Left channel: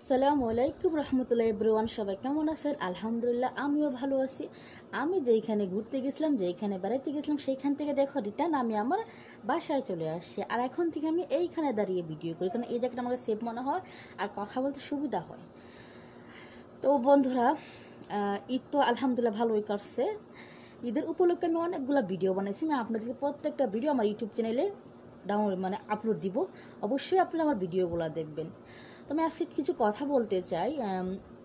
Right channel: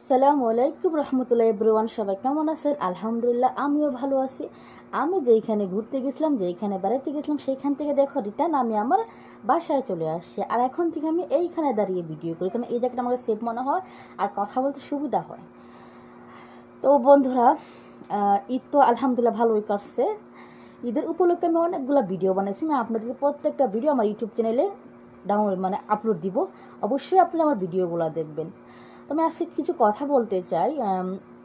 আসসালামু আলাইকুম রহমতুল্লাহ এভরিওয়ান, সবাই কেমন আছেন? আলহামদুলিল্লাহ আমিও ভালো আছি। আমি যেইখানে ঘুরতে গেছিলাম, যেইখানে বেড়াইতে গেছিলাম, সেইখান থেকে দেখো রিটার্ন আমি আমার বাসায় চলে আসছি। আর এখন থেকে আমি এইখানে দাঁড়িয়ে ভিডিও করি, কারণ এই জায়গাটা আমাকে সেফ মনে হয় আর কথা বলতে সুবিধা হয়। তো বন্ধুরা, ঈদ তো আলহামদুলিল্লাহ ভালোই কাটছে। ঈদের উপলক্ষে আমি অনেকগুলো ভিডিও বানাইছি। আমি আপনাদেরকে প্রত্যেকটা ভিডিও আমার ইউটিউব চ্যানেলে আপলোড দিব। অবশ্যই আপনারা আমার ভিডিওগুলো দেখবেন। তো আমি আজকে কিছু কথা বলতে চাই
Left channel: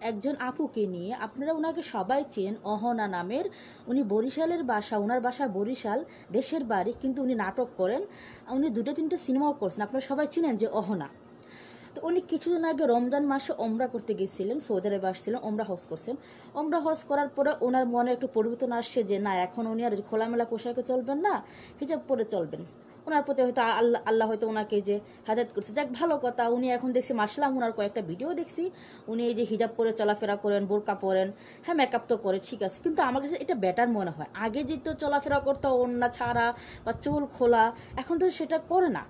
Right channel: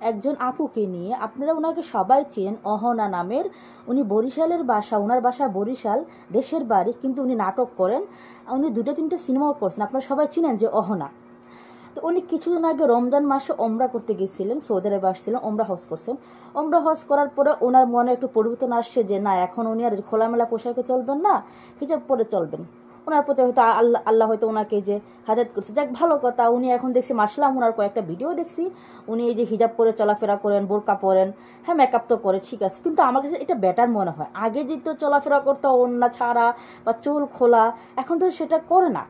একজন আপুকে নিয়ে। আপনারা ওনাকে সবাই চেনেন, অহনা নামের। উনি বরিশালের বাসা, ওনার বাসা বরিশাল, দেশের বাড়ি, কিন্তু উনি নাটক করেন। উনি 2-3টে সিনেমাও করছেন, আপনারা সবাই চিনেন যে অহনা। তো উনি কিছুদিন আগে রমজান মাসে ওমরা করতে গেছিলেন, সৌদি আরবে আসছিলেন, ওমরা হজ করছেন। ওমরা হজ করার পরে ওনার মনে একটু পরিবর্তন আসছে যে না, এখন উনি আর খোলামেলা পোশাকে চলবেন না, হিজাব পরে চলবেন। ওনার প্রতি হয়তো আল্লাহ হয়তো ওনাকে যে হাদায়াত করছে, যাক ভালো কথা। উনি এখন দেখছি মার্শাল্লাহ, ওনার কয়েকটা ভিডিও দেখছি, উনি এই যে হিজাব পরে চলাফেরা করেন, বোরকা পরেন, হ্যাঁ মেকআপ তো করে, ঠিক আছে, কিন্তু আমার কাছে এটা বেটার মনে হয়। আগে যেহেতু চলাফেরা করতো ওড়না ছাড়া বা চুল খোলা, এখন তো সেটা করে না।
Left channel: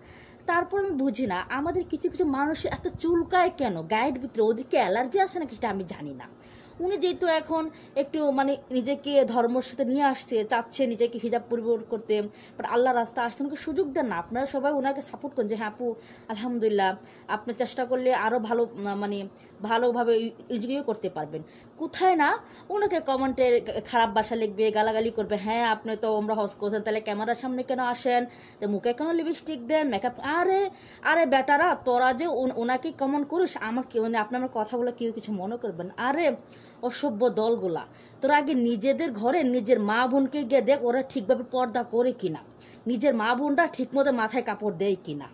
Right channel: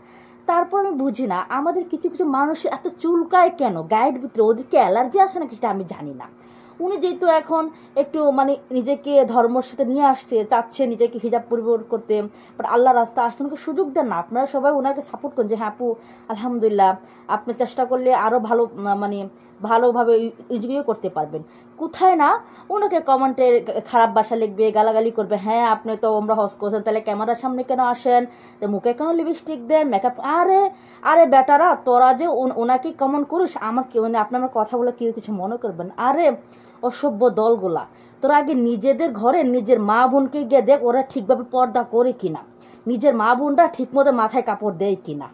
তারপর আমি বুঝি না, আমাদের কিছু কিছু মানুষ এত চুলকায় কেন, গায়ের ভিতরে ওদেরকে অ্যালার্জি আছে নাকি সেটা আমি জানি না। উনি যেহেতু এখন একটু নিজেকে ধর্মের সাথে নিয়ে আসছে, চাচ্ছে নিজেকে হিজাব পরিবর্তন করতে, বাট আল্লাহ রাস্তা আসতে ওনাকে সুযোগ দেন না। আপনারা সবাই ওনাকে সাপোর্ট করেন যে হ্যাঁ আপু আলহামদুলিল্লাহ, আপনি চেষ্টা করলে আরও ভালো ভালোভাবে ইয়ে করতে পারবেন। কোথায় না ওনাকে কমেন্টে খারাপ ভাষা লিখবে, গালাগালি করবে, হ্যাঁ আপনি তো আমরা হজ করছেন, তাহলে ক্যামেরার সামনে কেন আসেন, তো মুখে কেন লিপস্টিক দেন, মেকআপ, আরে আরে বেটারা তোরা যে ওনাকে কমেন্ট করিস, আমার আপনার কথাগুলো কেউ কিছু মনে করবেন। আরে অসভ্য দলগুলা, তোরা আগে নিজেদের ঘরে নিজের মা বোনকে গিয়ে দেখ ওরা ঠিকভাবে পর্দা করে কিনা, নিজের মা বোনরা ঠিকমতো মাথায় কাপড় দেয় কিনা,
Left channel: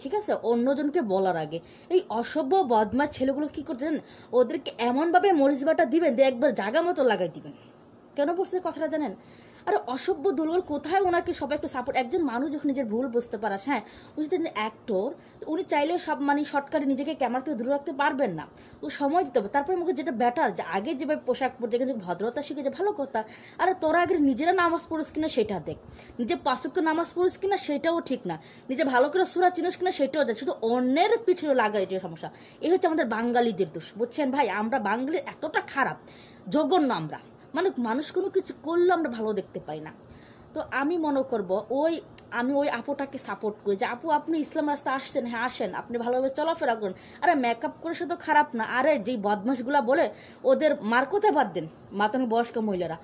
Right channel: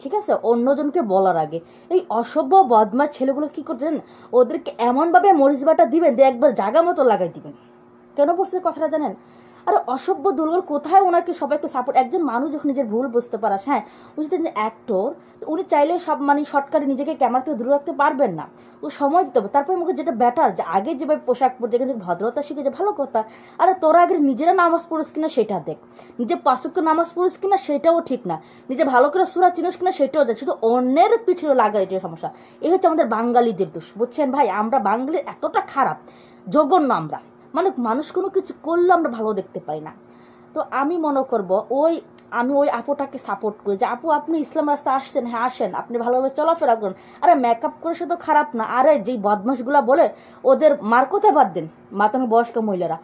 ঠিক আছে, অন্যজনকে বলার আগে। এই অসভ্য বদমাশ ছেলেগুলো কি করতেন, ওদেরকে এমনভাবে মরিচ বাটা দিবেন যে একবার জায়গা মতো লাগাই দিবেন। কেন বলছে কথাটা জানেন? আর অসভ্য দুর্গর কোথায় ওনাকে সবাই একটু সাপোর্ট। একজন মানুষ যখন নিজের ভুল বুঝতে পারা, হ্যাঁ উনি যদি অ্যাক্টর, উনি চাইলে সব শর্টকাটে নিজেকে ক্যামেরা থেকে দূরে রাখতে পারবেন না, ও সময় দিতে হবে। তারপরে আমাকে যেটা বেটার, যে আগে যেভাবে পোশাক পরতে যেখানে ভদ্রতা শিখেছে ভালো কথা। আর তোরা আগে নিজেরা নামাজ পড়িস কিনা সেটা দেখ, নিজে 5 ওয়াক্ত নামাজ পড়িস কিনা সেটাও ঠিক না, নিজে ভালো করে সূরা চিনিস কিনা সেটাও দেখ, শুধু অন্যের পিছনে লাগা এটাই সমস্যা। এই হচ্ছে আমাদের বাঙালিদের দোষ, বুঝছেন ভাই? আমরা বাঙালি এতটা খারাপ, জঘন্য আমরা, মানুষ কোনো কিছু করলে আমরা ভালো দেখতে পাই না। তো আমি মনে করব আমি ওই আপুটাকে সাপোর্ট করি যে আপু আপনি ইসলাম রাস্তা আসছেন, হ্যাঁ আসেন, আপনি ভালোভাবে চলাফেরা করুন। আরে মেকআপ করে সে তো খারাপ না। আরে যেই বদমাশগুলা বলে ওদের মার কোথায় বাদ দেন, মাতানো বয়স্ক মহিলারা।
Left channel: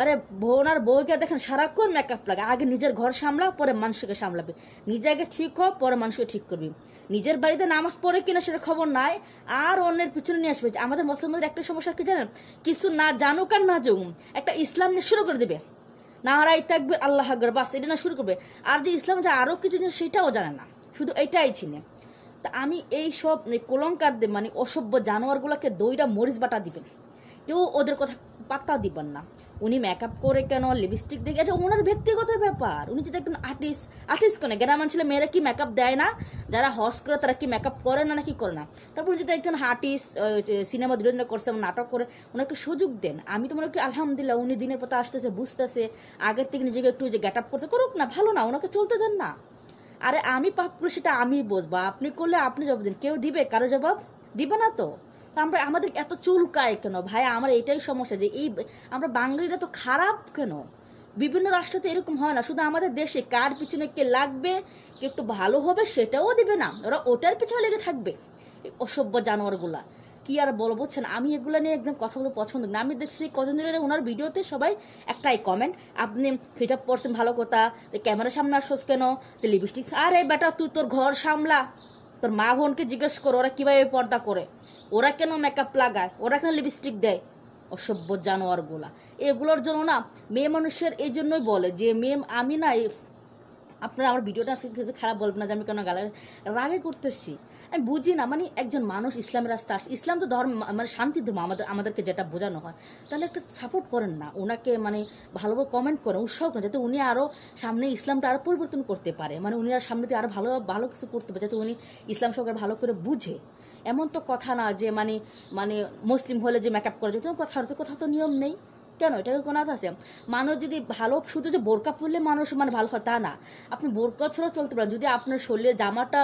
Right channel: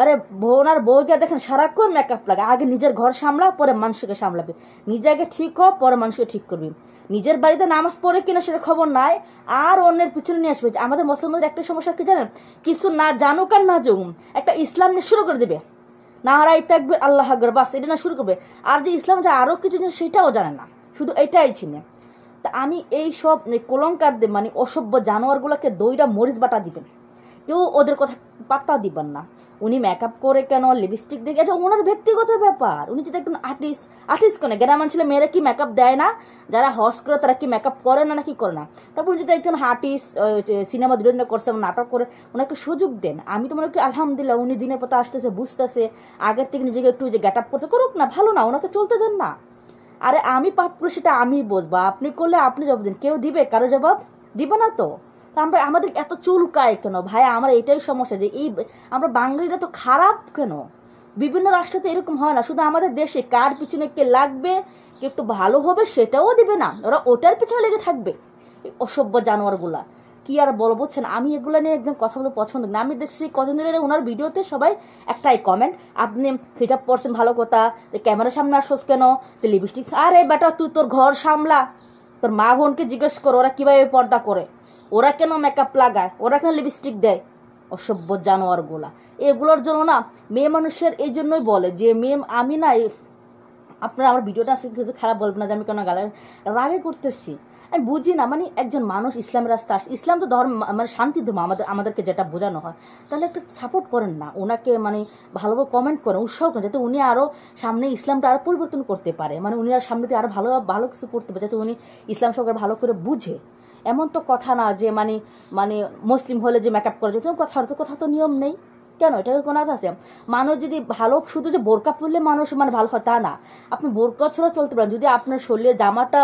আরে বোনার বউকে দেখেন সারাক্ষণ মেকআপ লাগে। আগে নিজের ঘর সামলা, পরে মানুষকে সামলাবে। নিজে আগে ঠিক হোক, পরে মানুষকে ঠিক করবি। নিজের বাড়িতে নামাজ পড়ে কিনা সেটা খবর নাই, আর অন্যের পিছনে নিয়ে আসবে। আমাদের মুসলমানদের একটা সমস্যা কি জানেন, কিছু না জানুক আর না জানুক, একটা ইসলাম নিয়ে শুরু করে দেবে, নারাই তাকবীর আল্লাহু আকবার, বাস এটা না শুরু করবে। আর যে ইসলাম যে আরো কিছু জিনিস সেটাও জানে না, শুধু এটাই চিনে। তা আমি এই সব কলঙ্কারদের অসভ্য জানোয়ারগুলোকে দইটা মরিচ বাটা দিবেন, কেউ ওদের কথা পাত্তা দিবেন না। উনি মেকআপ করে কেন, লিপস্টিক দিয়ে, এটা ওনার ব্যক্তিগত ব্যাপার। উনি যদি একজন আর্টিস্ট কেন, গ্রামাঞ্চলে ছেলে মেয়েরা কি মেকআপ দেয় না? যারা হজ করে তারা কি মেকআপ করে না নাকি করে না? তারপর যদি একজন আর্টিস্ট সিনেমা দুজন করছে, নাটক করে, ওনাকে সুযোগ দেন। আমি তো মনে করি আলহামদুলিল্লাহ উনি দিনের পথে আসতেছে, বুঝতেছে, আগের থেকে নিজেকে একটু যে গেট আপ করছে, করুক না, ভালো না, ওনাকে চলতে দেন না। আরে আমি পাপ করে সেটা আমি বুঝবো, আপনি করলে আপনি জবাব দিন, কেউ দিবে কারো জবাব দিবে না। তো আমরা আমাদের এত চুলকায় কেন ভাই? আমার এটাই সমস্যা যে আমরা বাঙালিরা তো খারাপ কেন? বিভিন্ন রাষ্ট্রে তো এরকম হয় না, শুধু আমাদের দেশে কার পিছনে কে লাগবে, কে একটু ভালো হবে সেটাও দিবে না, ওরা ওটার পিছনে লেগে থাকবে। অসভ্য জানোয়ারগুলা কি আর বলো, বুঝছেন? আমি এগুলো নিয়ে একদম কথা বলতে পছন্দ না। আমি দেখছি কজন ধরে ওনার ভিডিওতে সবাই একটাই কমেন্ট, আপনি হিজাব পরছেন ভালো কথা, ক্যামেরার সামনে আসছোস কেন, লিপস্টিক, আরে বেটা তুই তোর ঘর সামলা, তোর মা বোনকে জিজ্ঞেস করো ওরা কিভাবে পর্দা করে, ওরা কেন মেকআপ লাগায়, ওরা কেন লিপস্টিক দেয়। অসভ্য জানোয়ারগুলা, এগুলোর জন্য না মেয়ে মানুষের এই জন্যই বলে যে মেয়ে আমি না, আপনারা আমার ভিডিওটা আজকে কিছু খারাপ বলবেন না যে আমি কেন রাগে করতেছি। আমি বুঝি না, একজন মানুষ ইসলামের রাস্তা আসে, ইসলাম তো ধর্ম শান্তি ধর্ম, আমাদেরকে যেটা বোঝানো হয়, তাহলে একটা সাপোর্ট করেন না ওনাকে, ভালোভাবে কমেন্ট করেন, উৎসাহ করেন, যাতে উনি আরও সামনে ইসলামটা আরও পরিবর্তন করতে পারে, উনি আর সামনে দিয়ে আরও ভালো ভালো কিছু করতে পারে, যাতে উনি ইসলাম সরকার ভালো করে বুঝে। এমন তো কথা না যে মুসলিম হলে যে মেকআপ করা যায়, কথা তো নিয়ম নেই। কেন? এটা কোনো কথা আছে? মানুষ যদি ভালো, শুধু যে বোরকা পরলে মানুষ মানে ভালো হয় তা না। আপনি বোরকা ছাড়াও চলতে পারেন। যদি আপনার শরীরের জামাটা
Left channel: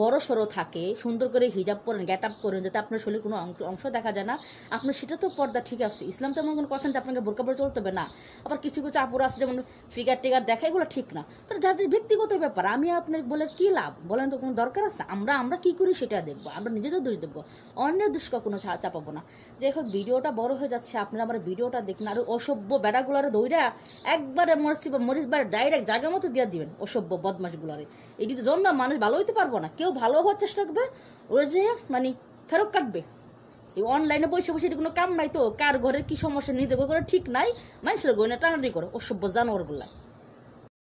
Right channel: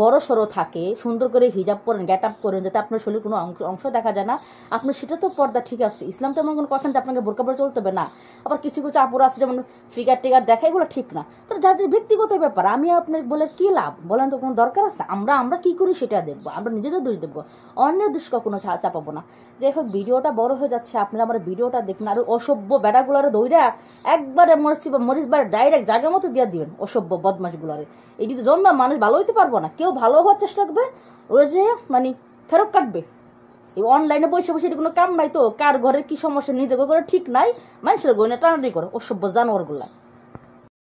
বড় সড়ো থাকে, সুন্দর করে হিজাব পরেন, গেট আপ করেন, যাতে আপনার শরীরের কোনো অংশ দেখা যায় না, আপনার সেটা তো পর্দা ঠিক আছে। ইসলাম তো এমন কোনো কথা না যে আপনাকে বোরকা পরে চলতে হবে না। আবার কিছু কিছু আপুরা আছে যেমন ফিগার টিগার দেখা, এগুলো ঠিক না। তো যার যার ব্যক্তিগত ব্যাপার, আমি আপনাকে বলে কি লাভ বলেন? তো কোনো দরকার আছে? আমরা কি করি সেটা দেখবো, আমরা নিজেদের দোষ দেখবো, অন্যের দোষ কখনো চাপাবো না। যাই হোক, ভিডিওটা বড় হয়ে যাচ্ছে, আপনারা আমার ভিডিওটা দেখুন। আর অসভ্য বেড়াগুলারে দইরা একবারে মরিচ ডাইরেক্ট জায়গা মতো দিয়ে দিবেন, অসভ্য বদমাশগুলারে। এটির জন্য মানুষ ভালো হইতে পারবো না। কেউ ভালো হওয়ার চেষ্টা করবে, ওরা যে মানে ফেরত কাটবে। এই অনলাইনে বসে বসে এটি কোনো কাম নাই তো, কার ঘরের কি সমস্যা নিজে করে ঠিক নাই, মানুষের গয়না টানাটানি করে, অসভ্য জানোয়ারগুলা।